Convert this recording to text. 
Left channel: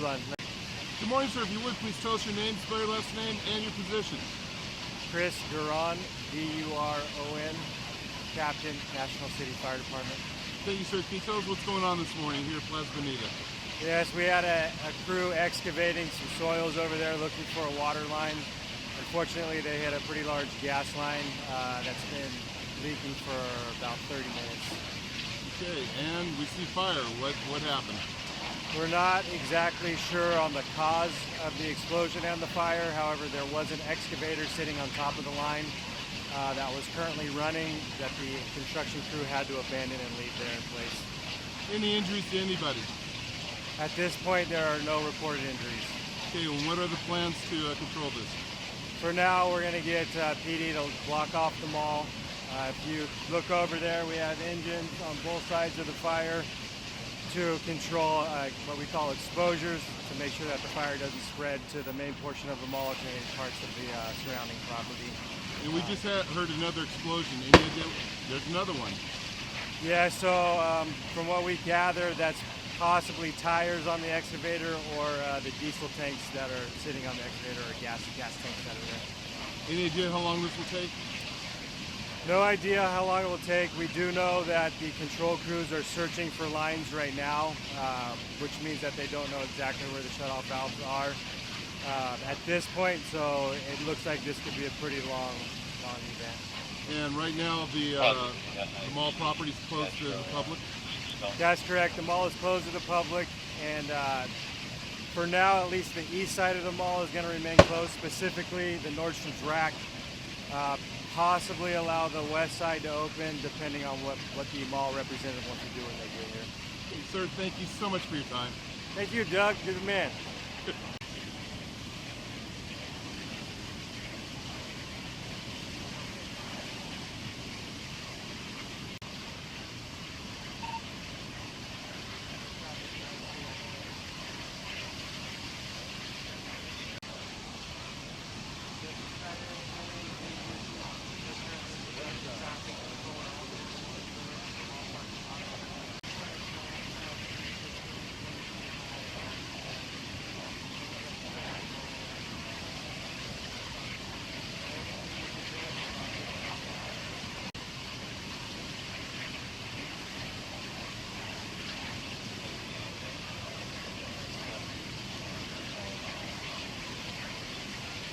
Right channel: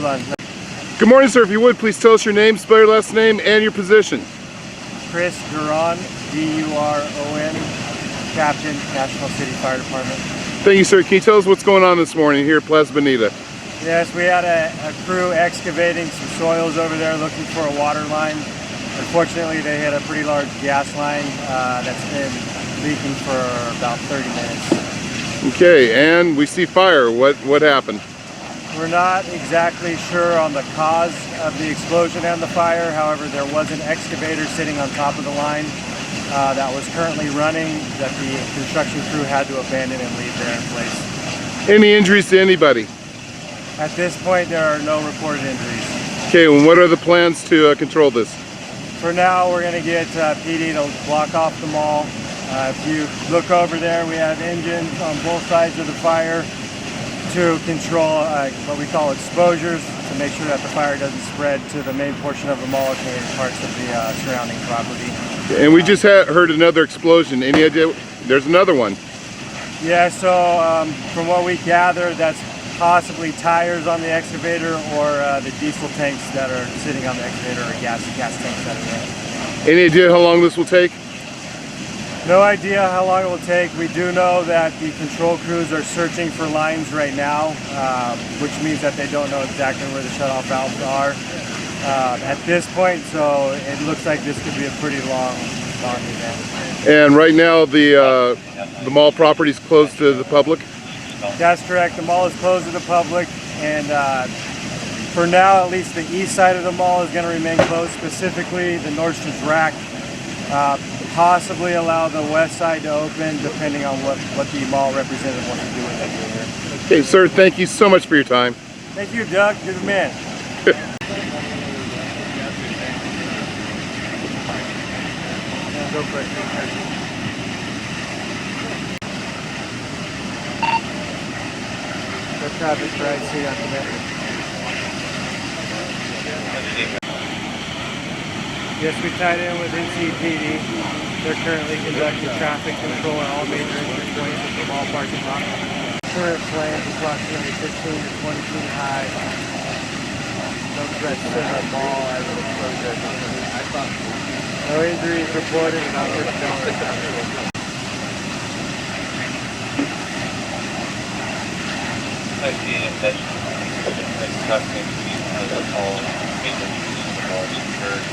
hold on. Good morning, sir. If you would, please tell us your name, spell your last name, and your position. Chris Duron, D-U-R-O-N, Captain, National City Fire Department. Thank you, sir. Can you tell us what's going on this morning here at Plaza Bonita? Yes, we had a crew excavating some soils over there looking for a water line. Unfortunately, they hit a pretty large gas line that's been leaking for about 30 minutes. Okay, and we see fire. What happened? We're not exactly sure on the cause of the explosion and the fire. However, there was an excavator sitting on top of the line that was currently running that the construction crew had to abandon and leave there in place. Any injuries to anybody? At this point, there are no reported injuries. Okay, and what are the plans to control this? For now, we're going to get PD to block off the mall. If you look over there, we have engines on both sides of the fire to control what we call exposures, to make sure that the fire doesn't spread to the main portion of the mall and parts of the surrounding property. And we just heard another explosion. Any idea? There's another one. Yeah, so from what we gather, that's possibly tires on the excavator or the diesel tanks that are sitting on the excavator, or gas tanks that are there. Any idea how long this will take? No idea how long it will take. We do know that the control crews are searching for lines right now, which means that they don't know exactly where the shutoff valves are at this point, so it looks like this could be a pretty long event. And right now the mall property is closed to the public? That's correct. The mall is closed to the public, and for now, at least the east side of the mall is going to remain closed, specifically the Nordstrom's rack. Possibly allow the west side to open, depending on what the mall representative wants to do with that here. Okay, sir, thank you so much for your time. Thank you, Doug. You're the man. Go for it. What traffic right see on the net? Yes, we tied in with NCPD. They're currently conducting traffic control at all major entry points at the mall parking lot. Current plan is approximately 15 to 20 feet high. No threats to the mall as it explodes. No injuries reported, and not personnel are accounted. I see that it's happening to all maintenance of the malls occurred.